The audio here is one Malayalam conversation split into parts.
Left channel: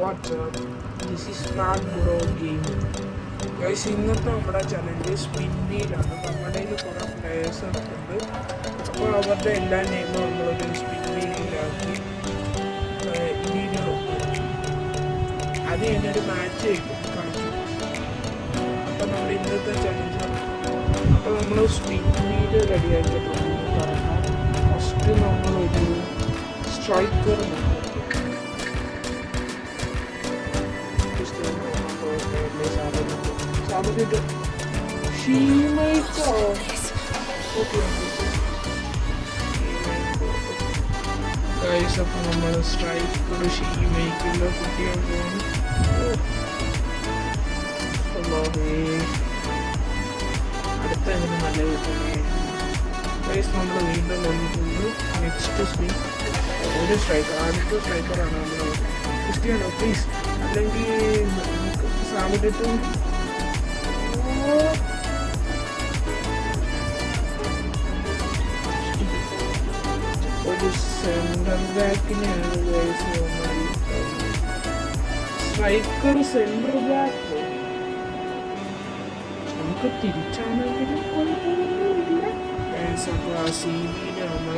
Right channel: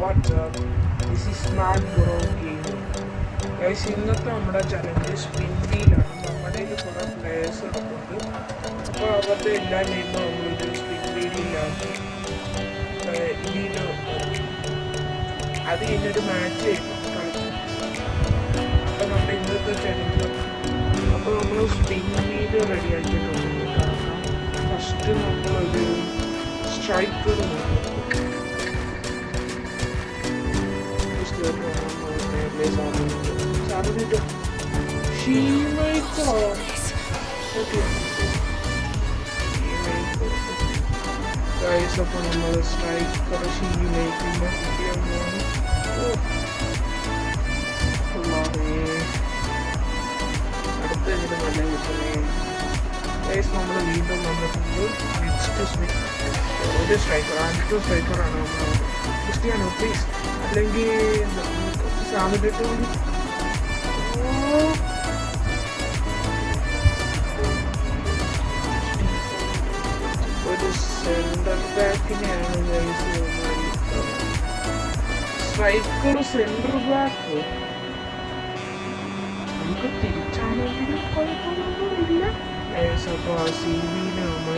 What's up? This is Smart Bro Game. Guys, ഇന്നത്തെ നമ്മുടെ ചലഞ്ച് സ്പിൻ വീലാണ്. നമ്മുടെ കുറേ പ്ലേയേഴ്സ് ഉണ്ട്. അപ്പോൾ അവരുടെ എല്ലാ നെയിമും നമ്മളൊരു സ്പിൻ വീലിലാക്കി ഇതിൽ അത് കഴിഞ്ഞൊരു മാച്ച് കളിക്കും. അപ്പോൾ നമ്മുടെ ഇന്നത്തെ ചലഞ്ച് അപ്പോൾ നമ്മൾ സ്പിൻ വീല് റെഡി ആക്കിയിട്ടുണ്ട്. ഫസ്റ്റ് നമ്മൾ ഒരു സ്ട്രൈക്കർ നോക്കും. Guys, അപ്പോൾ നമ്മൾ സ്ട്രൈക്കർ ഷീമേക്കുള്ള നമ്മൾ വീണ്ടും വന്നിട്ടുണ്ട്. നെക്സ്റ്റ് ഒരു സ്ട്രൈക്കർ അടുത്ത സ്ട്രൈക്കറാണ് നമ്മൾ ക്രിസ്ത്യാനോ പ്ലീസ്, അല്ലെങ്കിൽ സാധനത്തിൻ്റെ സെൻട്രൽ ബാക്കിനെയാണ് സ്ട്രൈക്കർ സെൻട്രൽ ബാക്ക് നമുക്ക് തിരിച്ചാണെങ്കിലും കുഴപ്പമൊന്നുമില്ല. അപ്പോൾ ആ സീവിയിൽ നമ്മൾ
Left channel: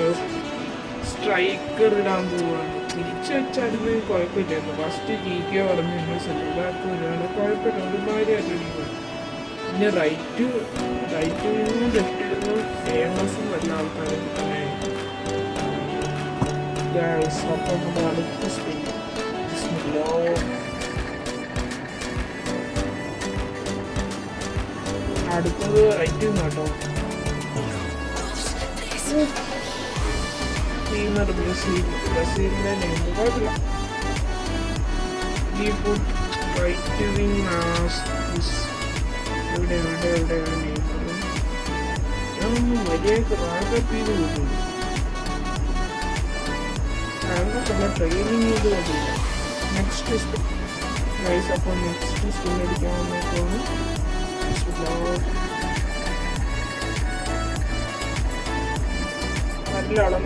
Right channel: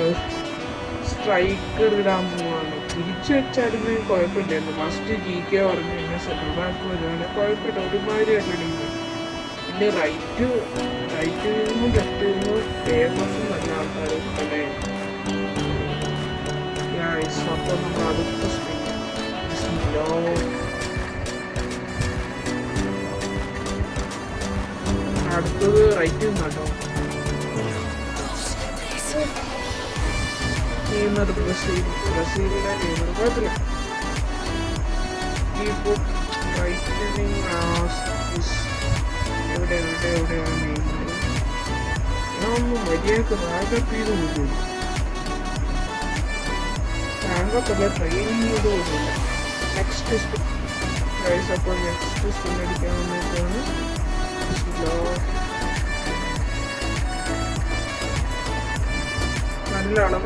സ്ട്രൈക്കർ ഇടാൻ പോവുകയാണ്. തിരിച്ചു വെച്ചാലും കുഴപ്പമില്ലായിരുന്നു. ഫസ്റ്റ് GK പറഞ്ഞു സെൻട്രൽ ബാക്ക് വരാതെ കുഴപ്പമില്ല. ഒരുപാട് പിന്നെ റൈറ്റ് നിന്നും ലെഫ്റ്റിൽ നിന്നും ഫേമസും വന്ന ആൾക്കാരും തന്നെ. അപ്പം നമ്മൾ അടുത്ത അടുത്തത് റൈറ്റ് നിന്ന് കേട്ടോ. ബ്രസീലിന്റെ നിങ്ങൾ കുഴപ്പമില്ല. റൈറ്റ് വിങ് എവിടെ മര്യാദക്ക് റാഗപ്പീന്ന് നോക്കുന്നു. റാഗപ്പല്ല ട്രെയിനിങ്. നെക്സ്റ്റ് അപ്പം നെക്സ്റ്റ് സ്പിൻ അടിക്കാൻ വേണ്ടിയിട്ടാണ്.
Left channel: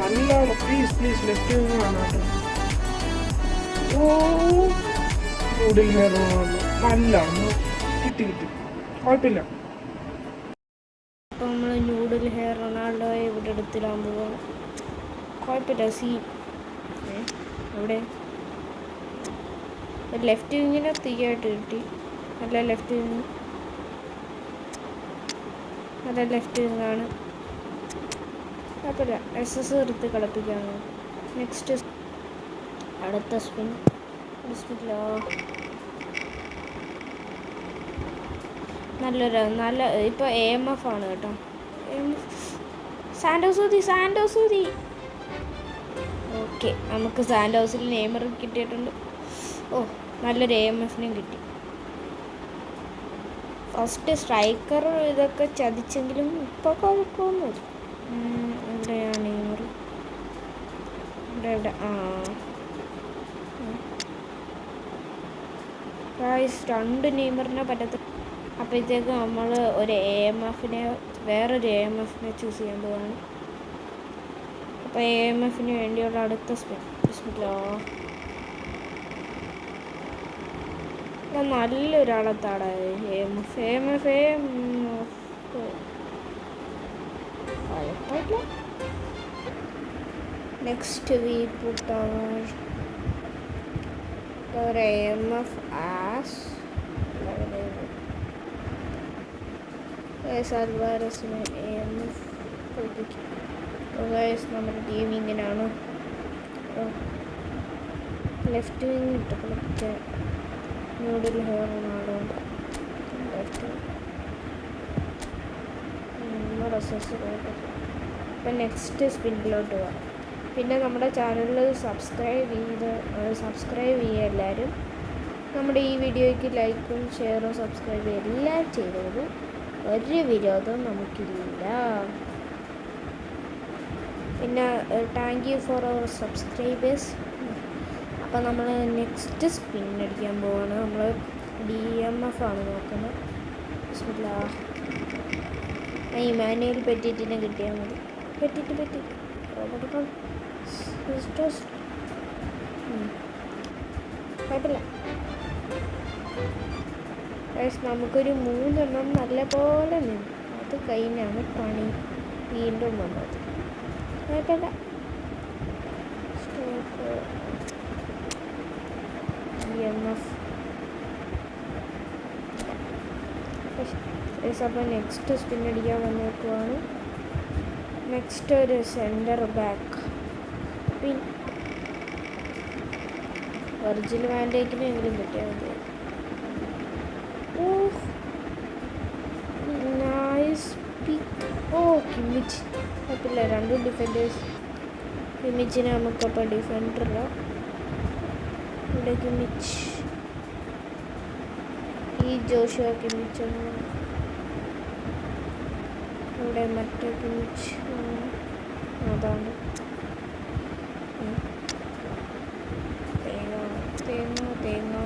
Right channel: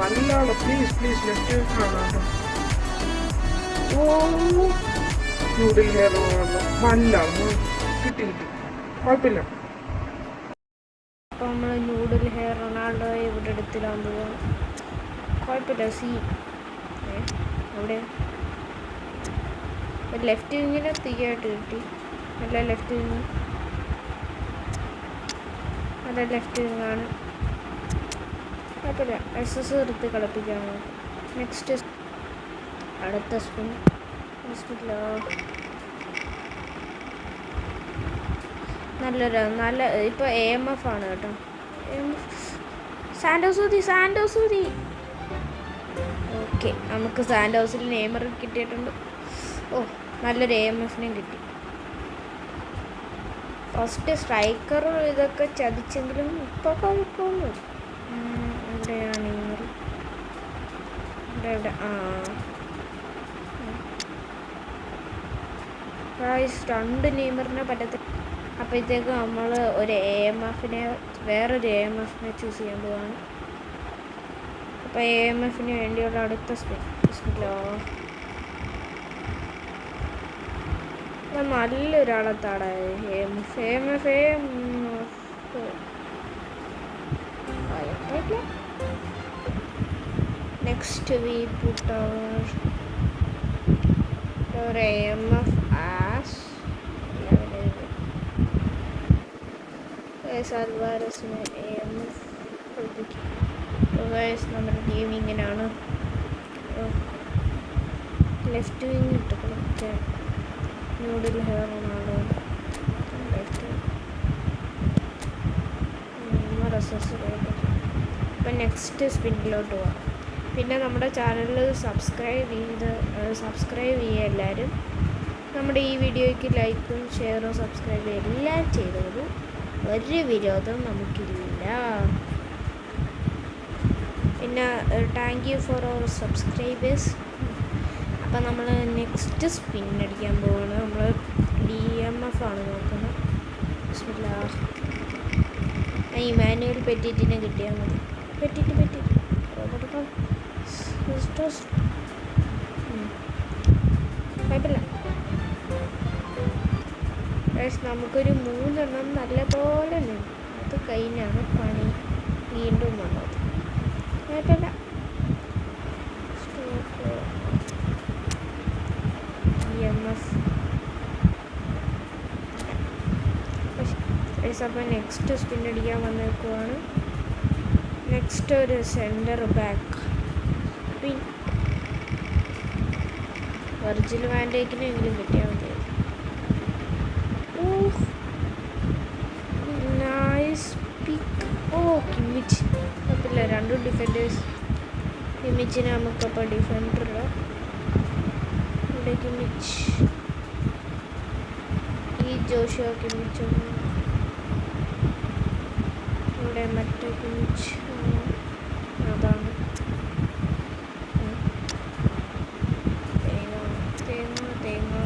നല്ലതാണ് പ്ലീസ് ലെഫ്റ്റ് വിങ്ങാണ്. നൂഡിൽ ഹെയർ നല്ലാണ്. കിട്ടി കുഴപ്പമില്ല. അപ്പോൾ നമ്മൾ നൂഡിൽ ഹെയർ റൊണാൾഡോയെ ഇവിടെ എടുത്തിടാൻ പോവാണ്. കുഴപ്പമില്ല. അവിടെ ലെഫ്റ്റ് വിങ്ങിനെ തീയായിട്ട് കിട്ടി. അല്ല ലെഫ്റ്റ് വിങ്ങാണ്. കുഴപ്പമില്ല. SS എടുത്ത് കളിപ്പിക്കാണ്. നെക്സ്റ്റ് അടുത്ത സ്പിൻ നല്ല ഇപ്പോൾ AMF ആണ് കേട്ടോ. സാൻഡോസൂതി. ഓക്കെ, നമുക്ക് സാൻഡോസിൽ നെയ്മർ കിട്ടിയിട്ടുണ്ട്. നല്ലൊരു AMFനെയും കിട്ടി. ഫസ്റ്റ് സ്ട്രൈക്കർ ഇതൊക്കെ ചതിച്ചെങ്കിലും ഇപ്പോൾ കുഴപ്പമൊന്നുമില്ല. എവിടെയാണ് നെയ്മർ? ഇവിടെ രണ്ട് നെയ്മറിനെ പറ്റത്തില്ല. അപ്പോഴത്തേക്ക് നമ്മൾ ഒരു വേറൊരു AMFനെ ചൂസ് ചെയ്യാൻ പോവാണ്. അപ്പോൾ AMFന് വേണ്ടിയുള്ള അടുത്ത സ്പിൻ. നല്ലൊരാളെത്താടെ AMF next we put our AMF as അൽവാരസിന് AMF കളിപ്പിക്കും. നമ്മുടെ ടീം ഇങ്ങനെയാണ്. ലെഫ്റ്റ് വിങ് ഇട്ട് കളിപ്പിക്കാൻ നൂഡിൽ ഹെയർ റൊണാൾഡോ. ലെഫ്റ്റ് ഇപ്പം നെക്സ്റ്റ് സ്പിന്നിലോട്ട് പോവാം. പിന്നെ നമ്മുടെ ചാനൽ സബ്സ്ക്രൈബ് ചെയ്യുക എല്ലാവരും. നമ്മുടെ ഈ വീഡിയോയ്ക്ക് ലൈക്കും ഷെയറും സബ്സ്ക്രൈബ് എല്ലാം ചെയ്തോളൂ. ഒരു വിരോധവും നമുക്കില്ല. പിന്നെ thank you for our subscribers. അപ്പം നമ്മൾ നെക്സ്റ്റ് സ്പിൻ അടിക്കാൻ പോവാണ്. നമ്മൾ DMF ആണ് നോക്കുന്നത്. ഇമാനുവൽ പെറ്റിറ്റിനെ കിട്ടിയാൽ മതി. പെറ്റിറ്റ് റോബർട്ട് കുഴപ്പമില്ല. ഗൈസ് നമുക്കൊരു 3 നല്ലപോലെ നിന്നു. അത് കഴിഞ്ഞാണ് പണി വീണ്ടും വന്നത്. കുഴപ്പമില്ല. Stock EMF. അപ്പോൾ നെക്സ്റ്റ് സ്പിൻ അടിക്കാൻ വന്നേക്കുവാണ്. നെക്സ്റ്റ് ഒരു സെൻറ്റർ ബാക്ക് സ്പിൻ. വെർജിൽ വാൻഡേക്കിനെങ്കിലും കിട്ടിയാൽ മതിയായിരുന്നു. നൈസ് പിക്ക്. കിമ്മിച്ച് കുഴപ്പമില്ല. 2 ഡിഫൻഡേഴ്സ്. കിമ്മിച്ചിനെ നമുക്കപ്പോൾ ഡിഫൻഡറിലോ ഇവിടെ കിമ്മിച്ച്. ഈ ജോഷുവ കിമ്മിച്ചൊന്ന് ഇവിടെ മറ്റേ കിമ്മിച്ച് അതാണ്. തേങ്ങ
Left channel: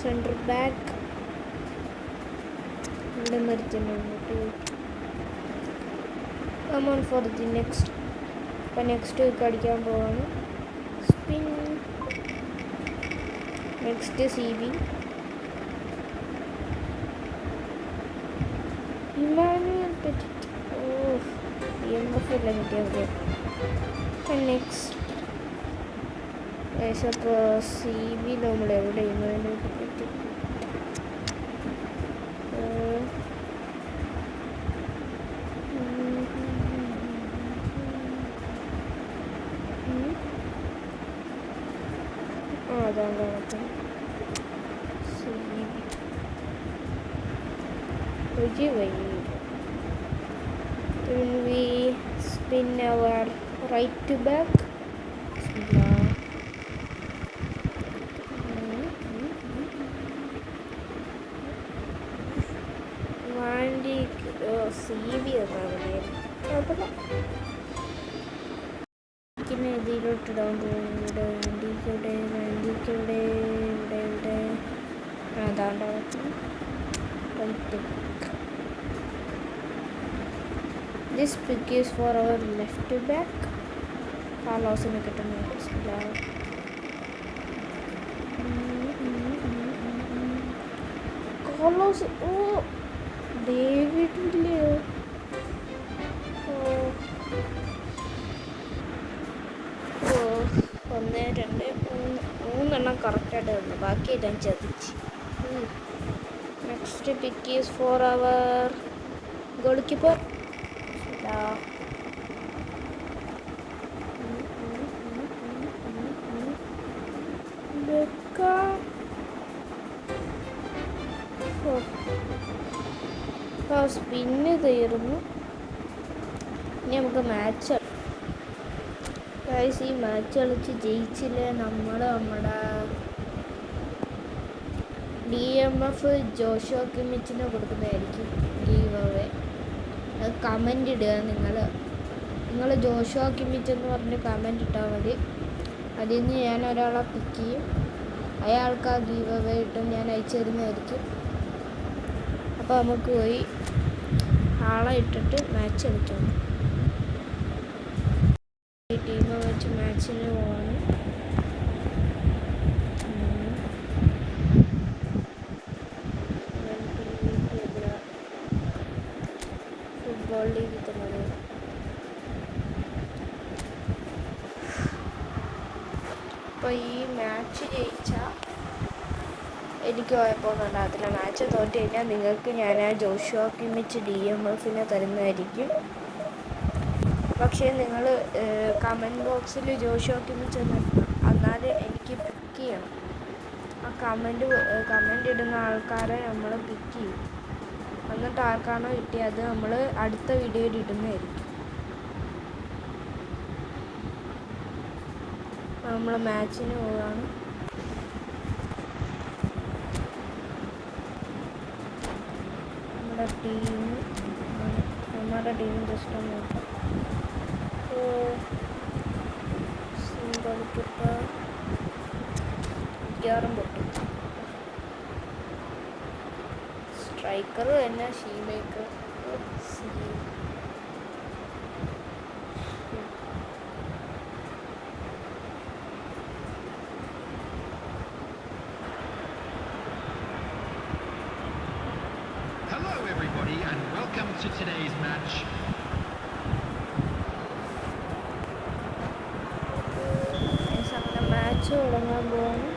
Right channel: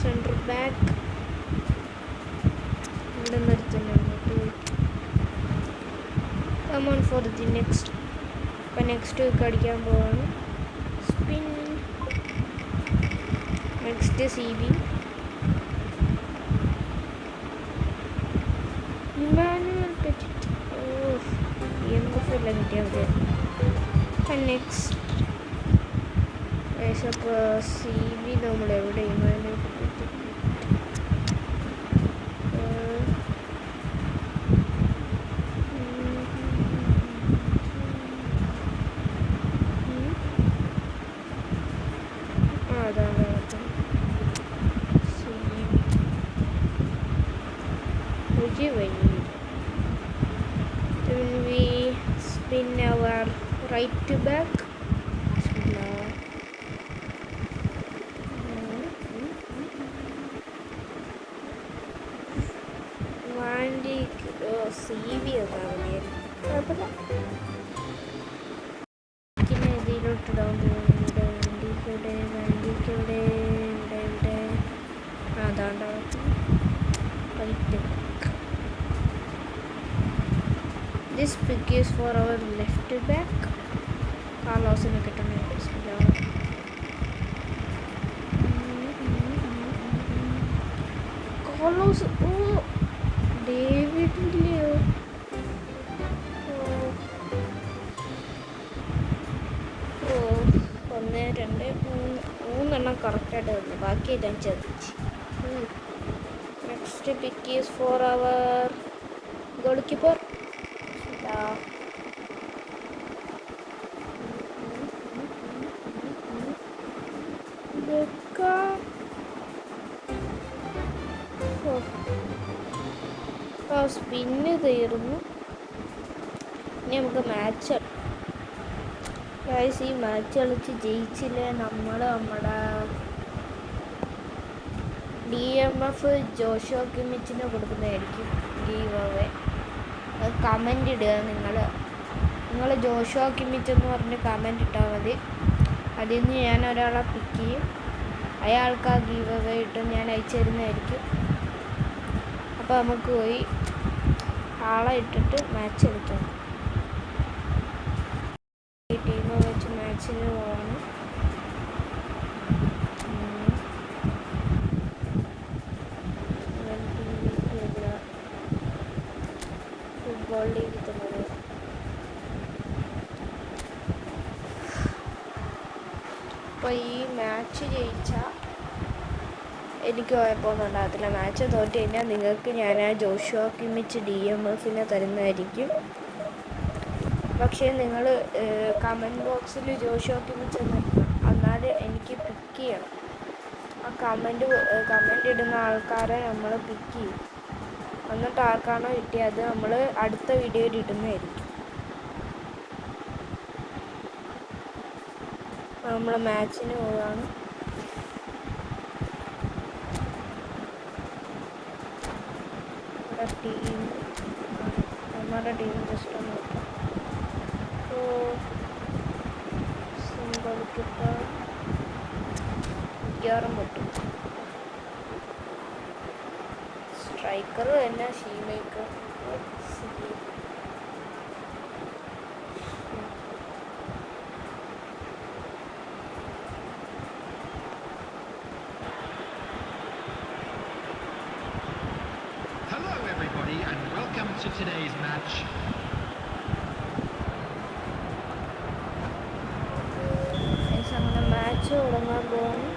സെൻറ്റർ ബാക്ക് ഇവിടെ നിർത്തുന്നു. Come on for the next. അപ്പം നെക്സ്റ്റ് വീക്ക് അടിക്കാൻ പോവാണ്. Spin. Next CB. Emmanuel Petit. EMF എല്ലാം കിട്ടിയാൽ മതി. അപ്പം നെക്സ്റ്റ് അപ്പോൾ CB നമ്മൾ എവിടെ ഇമാനുവൽ പെറ്റിറ്റ് അതാണ് ഒരു വഴിയില്ല. Then we spin our right to back. വാണ്ടി CB എന്നാൽ മതിയായിരുന്നു. കുഴപ്പമില്ല. പിന്നെ ഇതിലോട്ട് ഡൗൺ പോകുന്നുണ്ട്. വണ്ടിക്ക് ഇവിടെ അതാണ്ട് right. This pick is for our left back. കാർലോസിന് കിട്ടുന്ന കാർലോസ്. ഡേവിഡ് ഇല്ലയോ? 1 2 3 കറക്റ്റായിട്ട് വന്നു. ബാക്കി എല്ലാം ചതിച്ച്. Next pick is for our goalkeeper. Spin തീർന്നു. ഇനി നമുക്ക് മാച്ച്. ഗൈസ് ഈ മാച്ച് കളിച്ച് ജയിച്ചില്ലേ നമ്മുടെ DMF ജോഷുവ കിമ്മിച്ചിന് കൊടുക്കുന്നതായിരിക്കും ഗീവ് അവേ. അത് കമൻ്റ് ഇടുക. നിങ്ങൾ ജോഷുവ കിമ്മിച്ച് എന്ന് പറഞ്ഞ് കമൻ്റ് ഇട്ടാൽ മതി. അതിൽ നിന്ന് ഞാൻ ഒരാളെ പിക്ക് ചെയ്യും. അയാൾക്ക് ആ ഗീവ് അവേ ഇട്ട് ഞാൻ അയച്ചു തരുന്നതായിരിക്കും. അപ്പോൾ നമുക്ക് പോയി ആളെ ഇട്ടിട്ട് മാച്ച് കളിക്കാം. ടീം വെച്ച് മാച്ചിന് പോവാണ്. ഫുട്ബോൾ കിട്ടുന്നത്. അപ്പോൾ ഈ മാച്ച് ജയിച്ചാൽ എനിക്ക് കുഴപ്പമൊന്നും ഉണ്ടാകത്തില്ല. മാച്ച് തോറ്റ് കഴിഞ്ഞാൽ നിങ്ങൾക്ക് ഞാൻ ആ ജോഷുവ കിമ്മിച്ച് DMFനെ തരുന്നതായിരിക്കും. പക്ഷേ നിങ്ങൾ കമൻറ്റ് ബോക്സിൽ ജോഷുവ കിമ്മിച്ച് എന്നാലേ എനിക്ക് പിക്ക് ചെയ്യണം. ആ കമൻ്റ് ഇടുന്ന ആൾക്കാരെ നമ്മൾ പിക്ക് ചെയ്യും. എന്നിട്ട് ആർക്കാണോ കിട്ടിയത് നമ്മൾ അടുത്ത വീഡിയോയിൽ ഇടുന്നതായിരിക്കും. നമ്മൾ മാച്ചിന് പോവുകയാണ്. നമ്മുടെ ടീം ജസ്റ്റ് ഒന്ന് നോക്കാം. സിംഗിൾ കീപ്പർ മിക്കവാറും പൊട്ടും. സ്ട്രൈക്കർ തന്നെ ഷീമേക്കർ. and welcome to today's match. അങ്ങനെ മാച്ച് തുടങ്ങാൻ പോകുന്നു.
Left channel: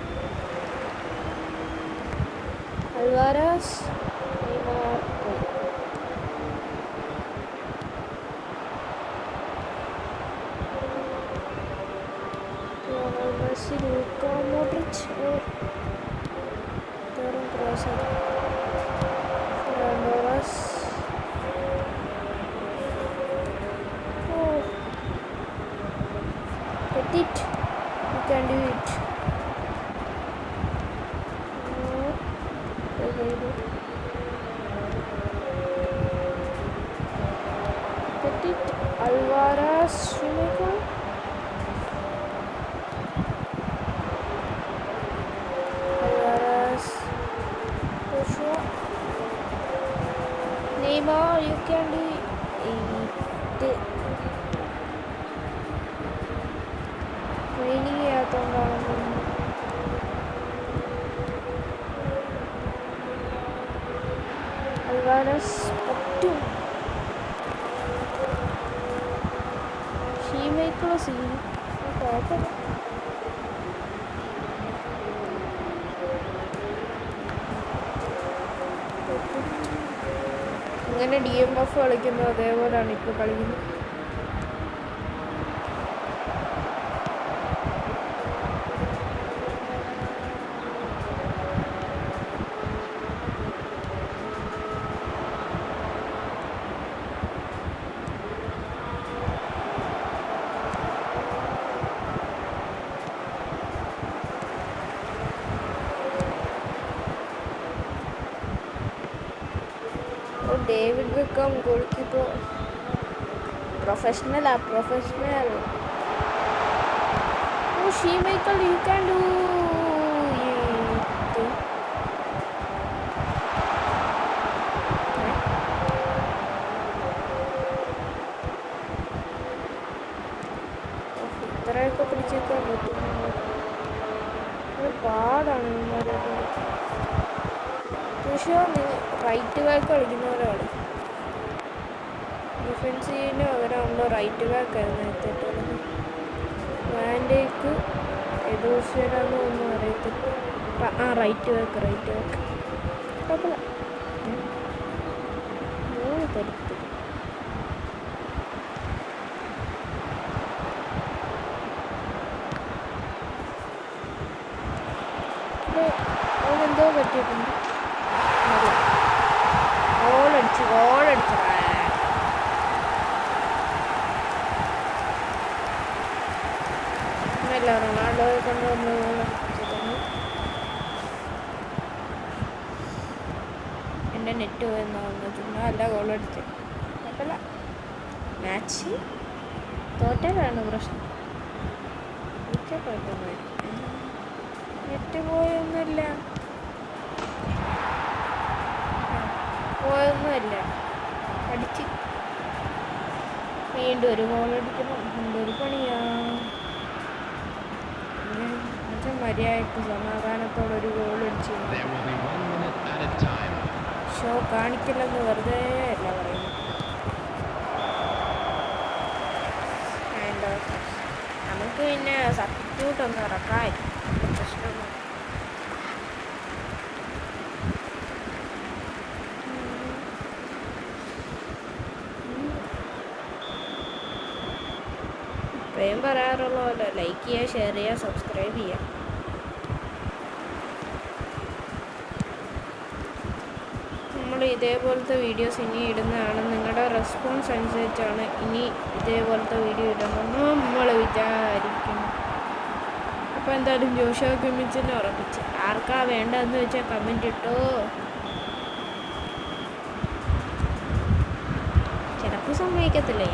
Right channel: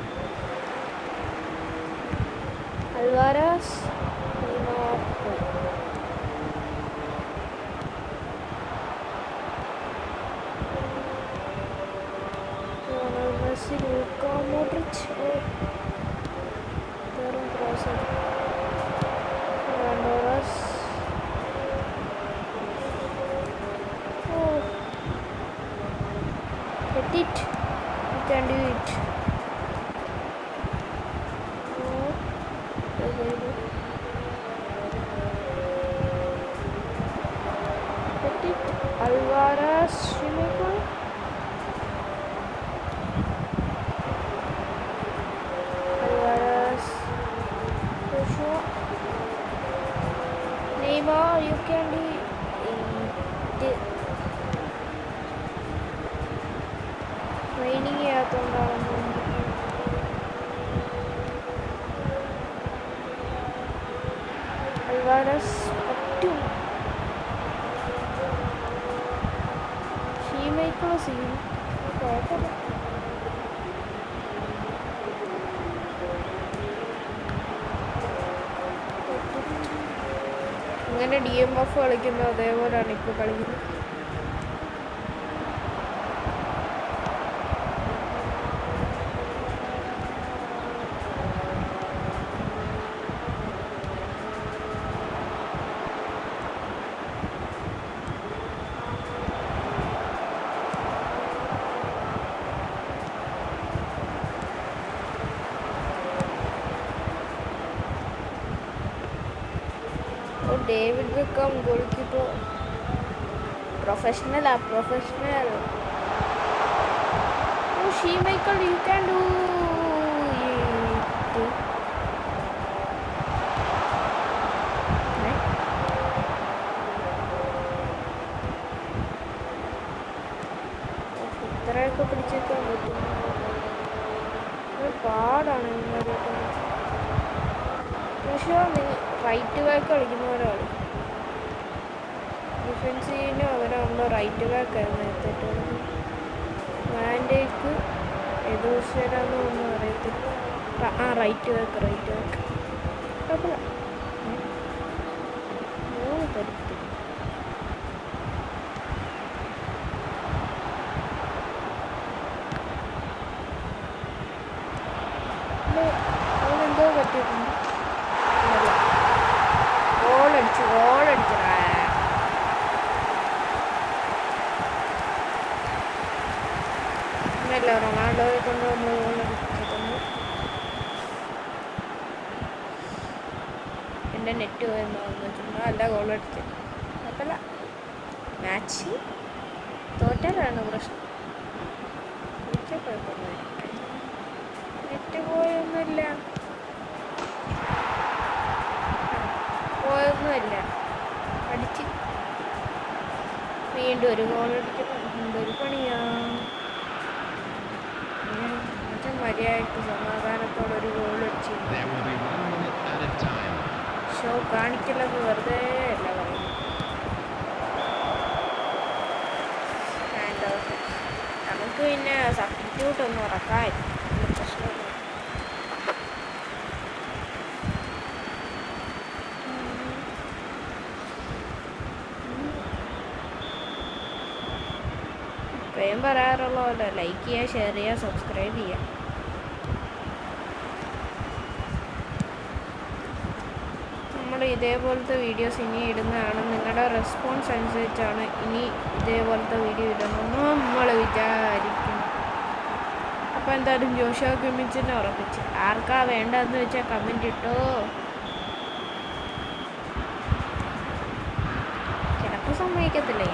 അൽവാരസ് നെയ്മർ പോയി. മെസ്സി, ലൂക്ക മോഡ്രിച്ച് വെറും cross ഫെർണാണ്ടോറസ്. Petit, you can do it. Petit, Alvarez, Schmeichel. Alvarez, Joshua. Neymar, you can do it. Training ചെയ്യാത്തതുകൊണ്ടാണെന്ന് തോന്നുന്നു. അൽവാരസ് പറ്റും. ഷീമേക്കുള്ള സീൻ കുഴപ്പമില്ല. ഇങ്ങനെ DMF കളിക്കുന്നത് അതേപോലെയാണ് ഇപ്പോൾ കളിക്കുന്നത്. David Beckham goalkeeper, professional. Oh, Schmeichel, you can do it. Right? ഇത്രയൊക്കെ പിടിച്ചേക്കാൻ പറ്റും. പാടാണ് ഇവന്മാരായിട്ട്. പക്ഷേ റൈറ്റ് ബാക്ക് കളിക്കുന്ന പോലെ കളി. ഡിഫൻസീവിന് അവരാണല്ലോ റൈറ്റ് ബാക്ക് ആയിരുന്നു നേരത്തെ. വാൻഡേക്ക് എഡോസേരാന്ന് ഒന്നും അറിയത്തില്ല. റൈറ്റ് ബാക്ക് കുഴപ്പമില്ല. 3 പരിപ്പ്. അവനെന്തോ പറ്റിയിട്ടുണ്ട്. ഗോളടിച്ചടാ. എന്നല്ല റൊണാൾഡോയെ കൊണ്ട് നമ്മൾ ഗോളടിച്ചിരുന്നു. എൻ്റെ നെറ്റ് പോയെന്ന് പറഞ്ഞിട്ടുണ്ട്. അല്ല ഗോളടിച്ചത് കുഴപ്പമില്ല. മാച്ച് തോറ്റാലാണ് പ്രശ്നം. കുഴപ്പമൊന്നുമില്ല. നെറ്റ് പോയൊന്നുമില്ല. അടിച്ച് വീണ്ടും ഒരു ഗോൾ അടിക്കണം. എന്തൊരു പണിയാ. മര്യാദക്ക് സമാധാനത്തോടെ ഒരു ഗോൾ അടിച്ചു. ഷോ കാണിക്കില്ലെന്ന് വെറുതെ അല്ല പറയുന്നത്. നമുക്ക് പിന്നെ സബ്സ്റ്റിറ്റ്യൂട്ട് ഒന്നും ഇറക്കാൻ പ്രശ്നമൊന്നും. ഇപ്പോഴും പറയാറുള്ള പോലെ ലൈക്ക് ചെയ്യുക, ഷെയർ ചെയ്യുക, സബ്സ്ക്രൈബ് ചെയ്യുക. നമ്മൾ ഇതേപോലത്തെ വീഡിയോസ് ഇനി ഇടുന്നതാണ്. നിങ്ങളുടെ റെസ്പോൺസ് അനുസരിച്ചാണ് ഇനി ഇതേപോലത്തെ വീഡിയോ ഇടണമെന്ന് നമ്മൾ വിചാരിക്കുന്നു. അപ്പോൾ എന്തായാലും ജോഷുവ കിമ്മിച്ചിനെ ഉറപ്പിച്ച് ആർക്കാ വേണ്ടതെന്ന് വെച്ചാൽ കമൻറ്റ് ഇട്ടോ. ചിലപ്പോൾ സമ്മതിക്കത്തില്ലേ.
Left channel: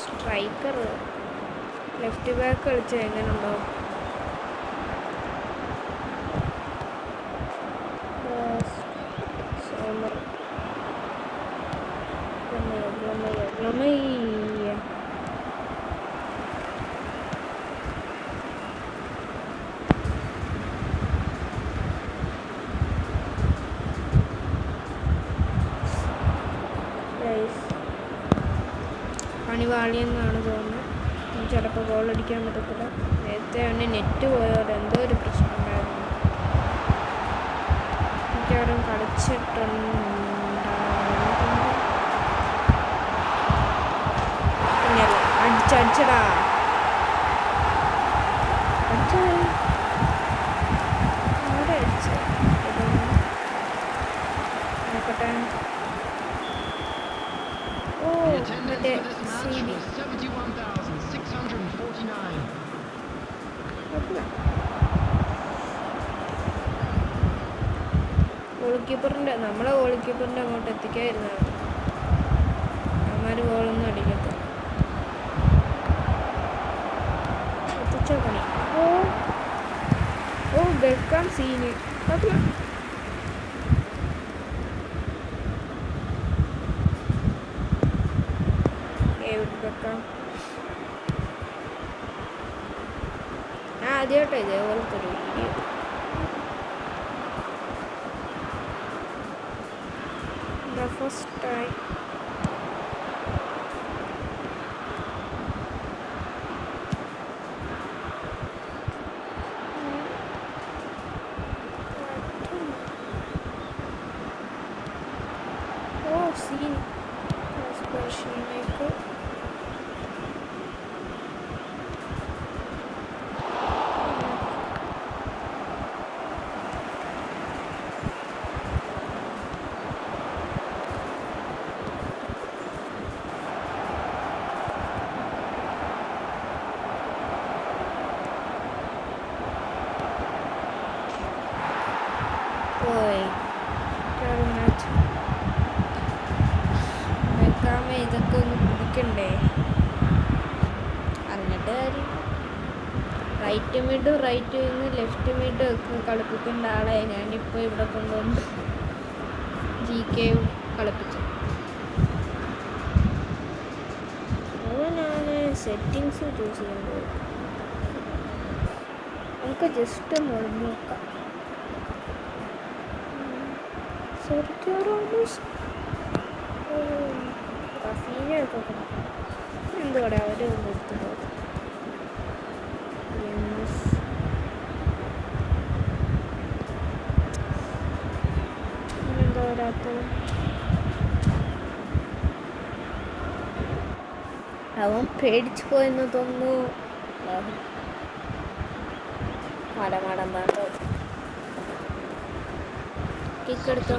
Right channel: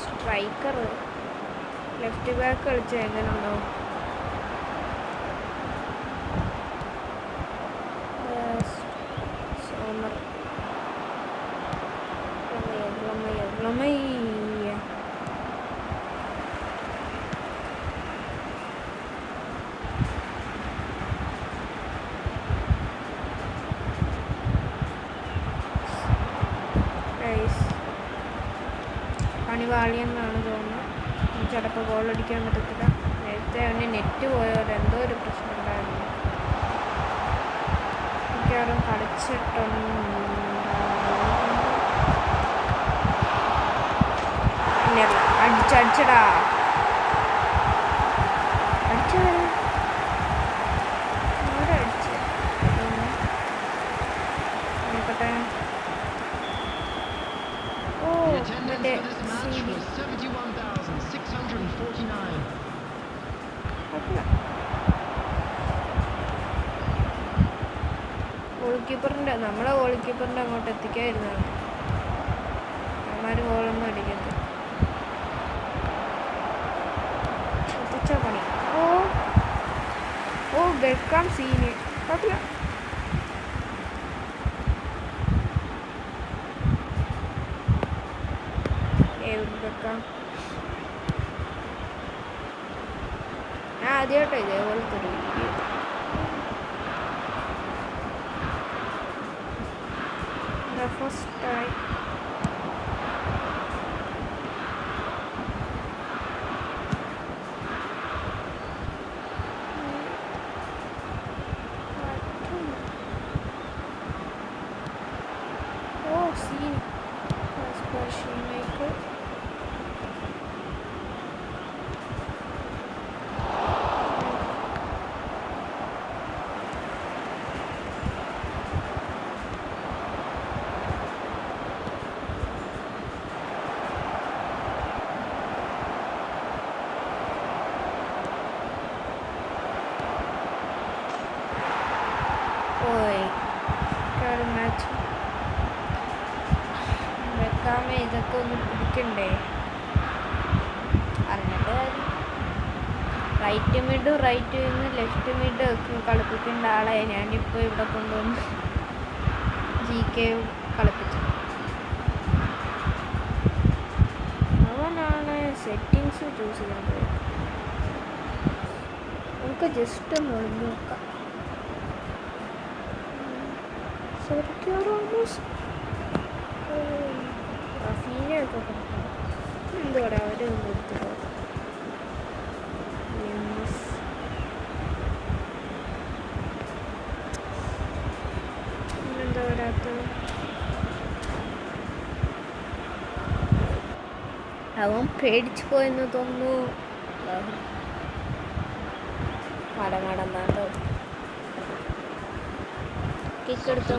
സ്ട്രൈക്കർ ലെഫ്റ്റ് ബാക്ക് കളിച്ചാൽ എങ്ങനെയുണ്ടോ? സോമർ വാളിയെന്നാണ് തോന്നുന്നത്. ചിലപ്പോൾ ഗോൾ അടിക്കാൻ പറ്റത്തില്ല. നേരത്തെ അവന് നെറ്റ് പോയാൽ എന്തോ ഒരു പ്രശ്നം ഉണ്ടായിരുന്നു. മിക്കവാറും ഇല്ലല്ല, അടിച്ചടാ അടിച്ചാല് ആരാ അടിച്ചേ? ഇതൊന്ന് നോക്കട്ടെ. ഓ The attendance മറ്റേ for this match was 71,649. Goal കീപ്പറിൻ്റെ നമ്മളെ ഗോൾ കീപ്പറിൻ്റെ അങ്ങോട്ട് എത്തിക്കാതിരുന്നാണ്. അവന്മാർ ഗോളൊന്നും അടിക്കത്തില്ല. എത്തിച്ച പണി. ഓ ഓ ബെക്കാം സീന് കുഴപ്പമില്ല. ബെക്കാം ഞാൻ ആദ്യമായിട്ടോ ഇതേപോലത്തെ ഒരു video. The first time. Oh, see. That's where she make it. Match വെക്കാമേ ഇതൊക്കെ ഒന്ന് പിടിക്കണ്ടേ? അറിഞ്ഞിട്ട് കാര്യം. Right mid right wing left mid ഒക്കെ കളിപ്പിക്കേണ്ട ആളെ ഞാനിപ്പോൾ ഇവിടെ കൊണ്ടുവന്ന് GK കളിപ്പിച്ചു. അവനാണ് സെറ്റിങ്സ് ചൂസ് ചെയ്യേണ്ടത്. നമുക്ക് ജസ്റ്റ് ഒന്ന് ഒളിഞ്ഞു നോക്കാം. റഫീനൊക്കെ കൊടുക്കണം. എന്തുകൂടെ അവർ നിർത്തുന്നത്? എന്താ വരാത്തത്? അവൻ പേടിച്ചു പോയെന്ന് തോന്നുന്നു. മടമടന്താട്ടോ കിക്കെടുത്ത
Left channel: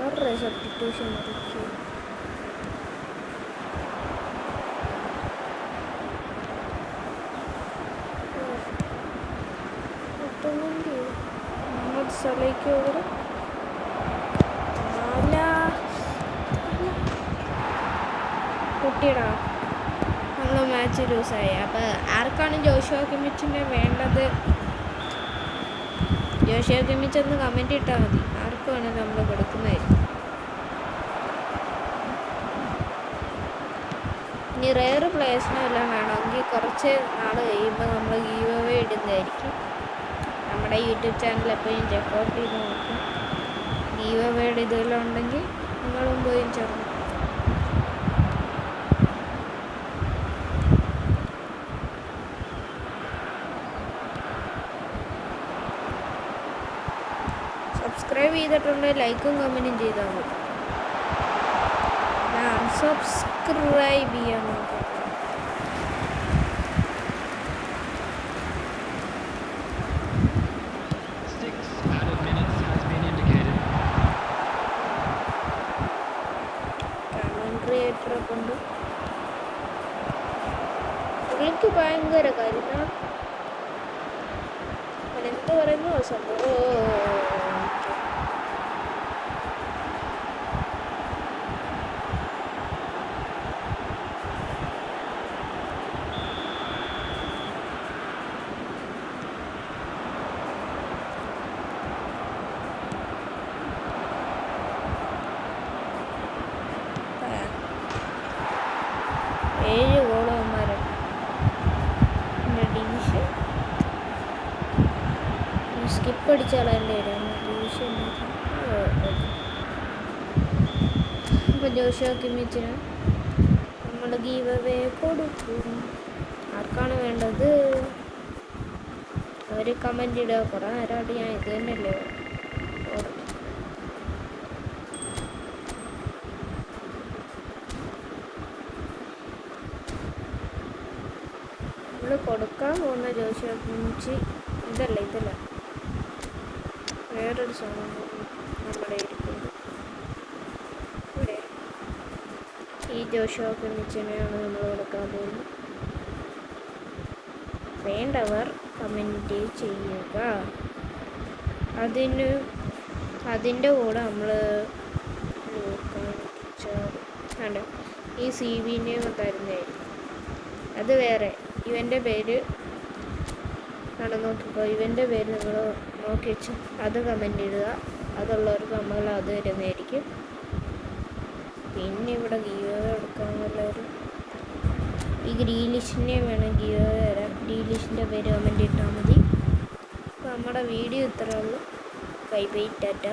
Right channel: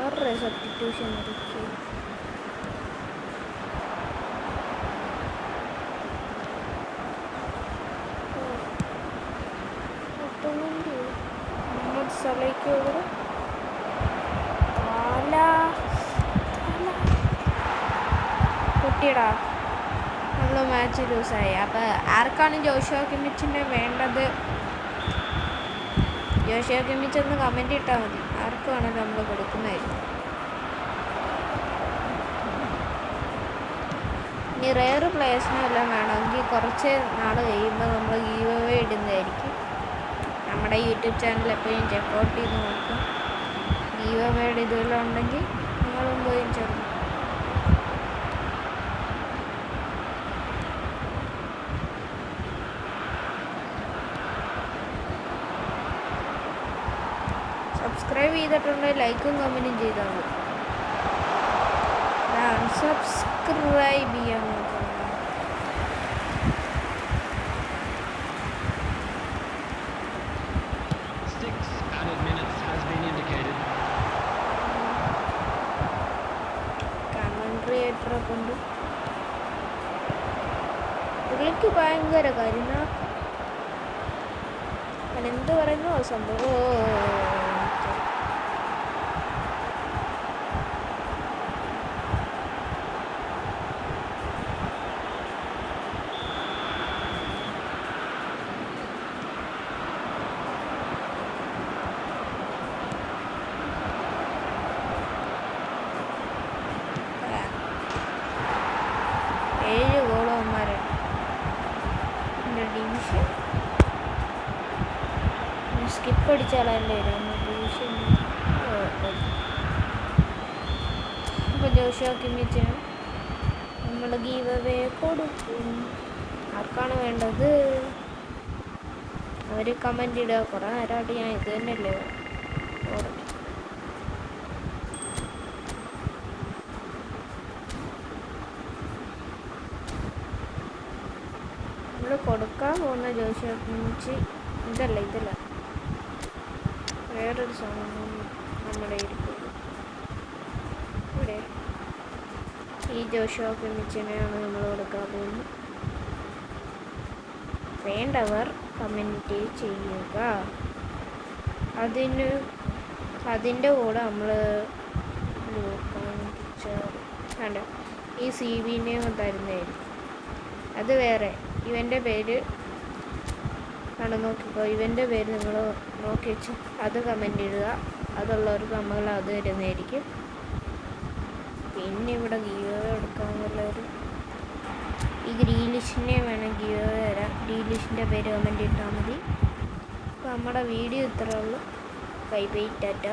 ആരുടെ സബ്സ്റ്റിറ്റ്യൂഷൻ ഇറക്കി? മുഹമ്മദ് സലയ്ക്ക് over കുട്ടിയടാ നമ്മൾ മാച്ച് ലൂസായി. അപ്പോൾ ആർക്കാണ് ജോഷുവ കിമ്മിച്ചിനെ വേണ്ടത്? ജോഷുവ കിമ്മിച്ച് ഒന്ന് കമൻറ്റ് ഇട്ടാൽ മതി. ആർക്ക് വേണമെങ്കിലും നമ്മൾ കൊടുക്കുന്നതായിരിക്കും. ഇനി റെയർ പ്ലേയേഴ്സിനെ എല്ലാം വേണമെങ്കിൽ കുറച്ച് നാൾ കഴിയുമ്പോൾ നമ്മൾ ഗീവ് അവേ ഇടുന്നതായിരിക്കും. നമ്മുടെ യൂട്യൂബ് ചാനൽ എപ്പോഴും ചെക്കൗട്ട് ചെയ്ത് നോക്കും. ഗീവ് അവേയുടെ ഇതെല്ലാം ഉണ്ടെങ്കിൽ നിങ്ങളും പോയി ചേർന്നു. സബ്സ്ക്രൈബ് ചെയ്തിട്ടുണ്ടെങ്കിൽ ലൈക്കും കമൻറ്റും ചെയ്താൽ മതി. സബ്സ്ക്രൈബ് ചെയ്യാൻ നോക്കണം. 6 added minutes has been indicated. കമൻട്രിയേറ്ററെ കൊണ്ട് പുള്ളിക്ക് ഭയങ്കര കരുണ. എന്ത് പറയുന്നു സംഭവം? ഏഴ് ഗോളന്മാരുണ്ട് എൻ്റെ ഡിവിഷൻ. സ്കിപ്പ് അടിച്ചാളല്ലേ ഡിവിഷൻ. അപ്പോൾ ജോഷുവ കിമ്മിച്ചിന് നമ്മൾ ഗീവ് അവേ കൊടുക്കും. ആർക്കാണ് വേണ്ടത്? അവർ കമൻ്റ് ഇടുക. കുറേ നേരമായിട്ട് ഞാൻ ഇത് തന്നെയല്ലേ നമ്മൾ കൊടുക്കാൻ പോകുന്ന ജോഷി ഇതല്ല വേറൊരു സാധനം നമ്മുടെ ഇരിക്കുന്നത്. ഇവിടെ ഈ ജോഷി മിച്ചിനെയാണ് നമ്മൾ കൊടുക്കാൻ പോകുന്നത്. വേണ്ടവർ കമൻറ്റ് ചെയ്യുക. അതിൻ്റെ കൂടെ നമ്മൾ കണ്ട ഈ CV തരുന്നതായിരിക്കും. അത് വേറെ ഇവൻ്റെ പേര് ആണ്. നോക്കിക്കോ, ഇവൻ്റെ പേര് നിങ്ങൾ നോക്കി വെച്ചു അത് കമൻ്റ് ഇടുക. അതുള്ളവർക്ക് നമ്മൾ അത് തരുന്നതായിരിക്കും. പിന്നെ ഇവിടെ ഗീവ് എടുക്കാൻ വല്ലവരും ഈ ഗ്രീലിഷിനെ വേണം ഗീവ് തരാം. ഗ്രീലിഷിൻ്റെ പേര് കമൻ്റ് ഇട്ടാൽ മതി. അപ്പോൾ നമ്മുടെ വീഡിയോ ഇത്രയേ ഉള്ളൂ. Bye bye, Tata.